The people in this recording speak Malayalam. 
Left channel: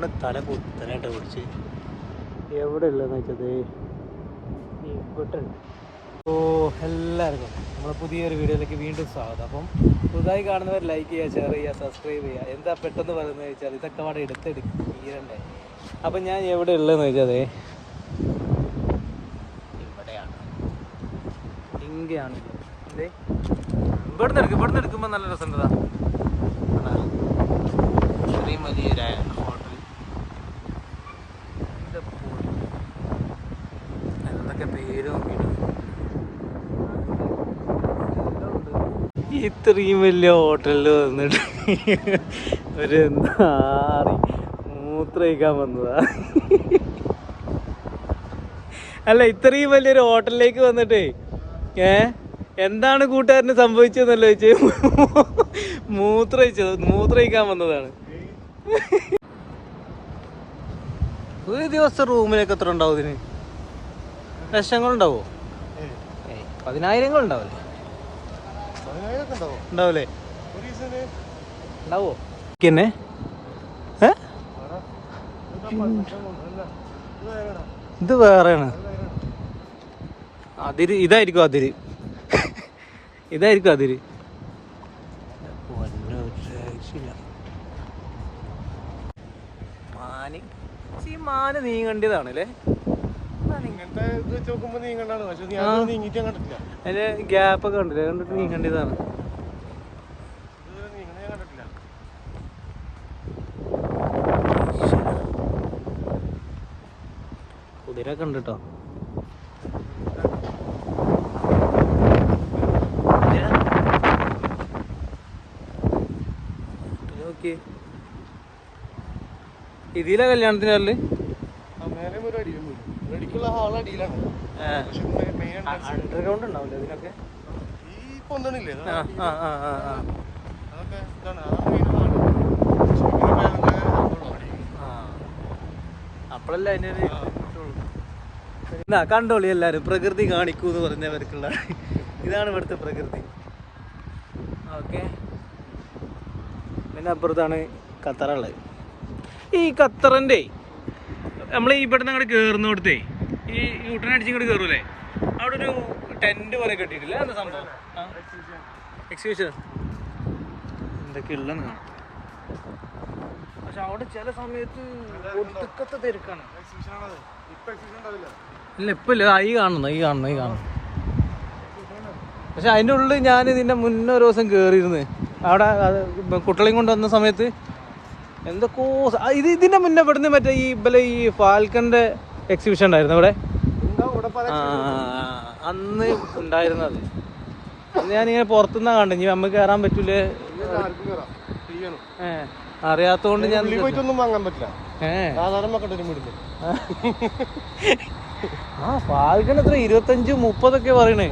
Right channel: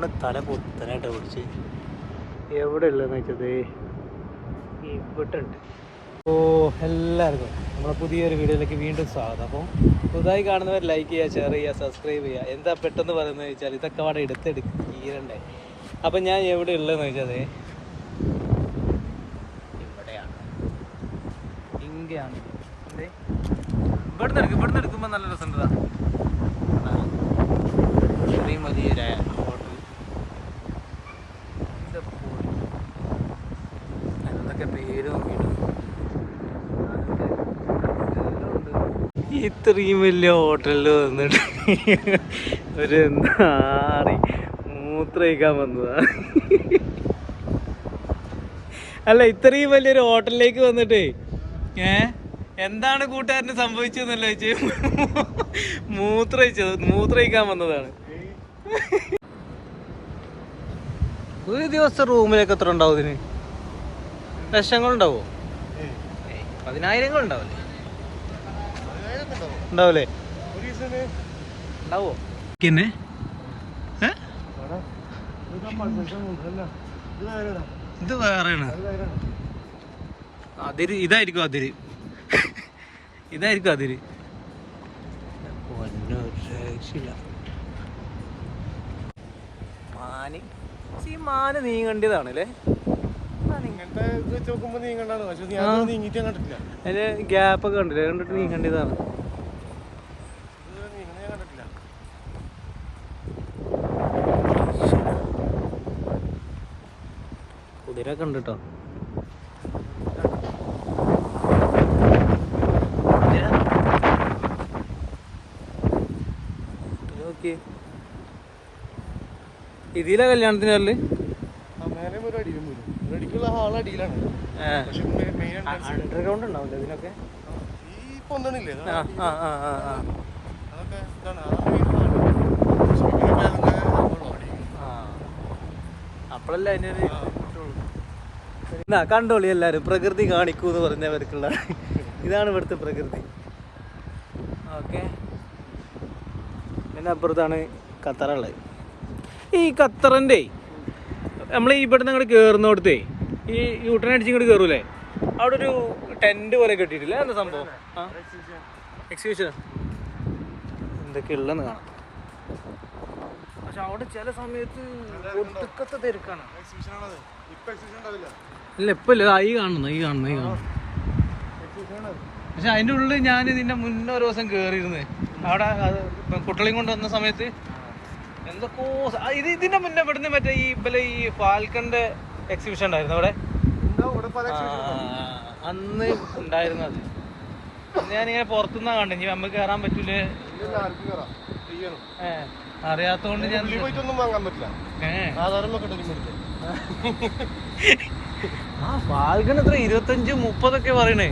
ഫോണ് തല കുത്തനായിട്ട് പിടിച്ച്. എവിടെ ഉള്ളതെന്ന് വെച്ചത്? ഇവിടെ ഉണ്ട് ഓ എല്ലാവർക്കും നമ്മളെ പുതിയൊരു വീഡിയോയിലേക്ക് വീണ്ടും സ്വാഗതം. അപ്പം പുതുതായി കാണുന്നവർ ലൈക്ക് ചെയ്യുക ഷെയർ ചെയ്യുക സബ്സ്ക്രൈബ് ചെയ്യുക. എന്താ പെട്ടെന്ന് പറയുന്നത് വെച്ചാൽ ഇതൊക്കെ അവിടെ എടുത്തെടുക്ക് തീരണ്ടേ. അപ്പം ഞാൻ എവിടെ ഉള്ളതെന്ന് വെച്ചത്? ഇവിടെയാണ്. ഇങ്ങനെയാണ്. ഇത് ഇവിടുന്ന് എടുക്കും ഇവിടുന്ന് എടുക്കുമ്പോൾ നല്ല രസമുണ്ടതാ ഇത്രയും വലിയ ഹോട്ടലിൽ വന്നിട്ട് ഒരു നാറി മൂത്രയിക്കാൻ വന്നതാ. അല്ല ഇത്രയും വലിയൊരു ഹോട്ടലിലേക്ക് വന്നിട്ട് ഏ എന്താണ് കൂട്ടുകാരന് സംഭവിച്ചതെന്നല്ല ചോദിച്ചു? മൂത്രയിച്ചത് മൂത്രയിക്കാൻ വന്നതാണ്. ഒരു ദിവസം റൂമിലേക്ക് എത്ര ഉണ്ടാവും ഇതിന്? ലക്ഷങ്ങളുണ്ടാവോ? പതിനായിരങ്ങൾ ഉണ്ടാവില്ലേ ഉണ്ടാവില്ലേ ഉണ്ടാവോ. പിന്നെ ഏ? ഇത് വേറെയാണ്. അതിര് ഇതായിരിക്കും അതിര്. ഇതായിരിക്കും അതിര്. മാന്. മാന് നീങ്ങേണ്ടതാണ് അല്ലേ? അതിന്റെ ഗ്യാപ്പ് ഒക്കെ കണ്ടില്ലേ? കണ്ടിട്ട് നീങ്ങേണ്ടതാണ് കുതിര കണ്ടിട്ടോ ഇതിലെ കല്യാണത്തിന് വരൽ? അണ്ടർഗ്രൗണ്ട് ഉണ്ടാവില്ല ഇതിനൊക്കെ? ആ ആ ആ ആ അപ്പോഴല്ല അതിനൊരു എന്നാ കണ്ടോളി എല്ലാരും. പ്രകൃതി കാണിക്കൂ എന്ന് പറഞ്ഞവർക്കുള്ള. ഇതാണ് ഇവിടുത്തെ പ്രകൃതി. ഓക്കെ. പിന്നെ അപ്പുറത്താണ് ഖത്തറുള്ളത്. ഈ ഖത്തറിന്റെ നമ്മൾ ഇവിടെ നിന്ന് അങ്ങോട്ട് കയറുന്നിടത്തേ ഈ യൂട്ടൺ അടിച്ച് ഇങ്ങോട്ട് കയറൂലേ അവിടെ ഒരു ടെന്റ് പോലെ കെട്ടിയിട്ടില്ല? എന്താ സംഭവം? എക്സിബിഷൻ എന്തൊക്കെ ഉള്ളെന്ന് കാണാം. പക്ഷെ അവിടെ ചില സമയത്ത് ഒടുക്കത്തെ തിരക്കാണ്. ഇല്ല ഇപ്പൊ ഇല്ല ഈ കാണുന്നു ഈ കാണുന്നു ഈ കാണുന്നു. പക്ഷെ അതിന്റെ ഉള്ളിൽ ഞാൻ ഇതിന്റെ മുന്നേ ഒരു ദിവസം കേറിയിരുന്നു. അവിടെ കുട്ടളയും കുട്ടികളെയും കൊണ്ട് വന്ന സമയത്ത് എന്തൊക്കെയോ ഇത് ഇതിന്റെ മുന്നേ ഇവിടുന്ന് മറ്റേ ഈ ഇവലെ ഈ ഫാൽക്കന്റെ എക്സിബിഷൻ ഉണ്ടായിരുന്നു ഇവിടെ അന്ന് ഉണ്ടായിരുന്നത് അന്ന് ഞാനിങ്ങനെ പുറത്തുനിന്നാ കണ്ടു ഇനി നമുക്ക് കയറാൻ പറ്റൂലേ? അറിയാത്തോണ്ട് ഞാൻ ആ പാൽഗണത്ര എത്ര? ഇരുപത്തഞ്ച് മുപ്പതൊക്കെ പറയണേ.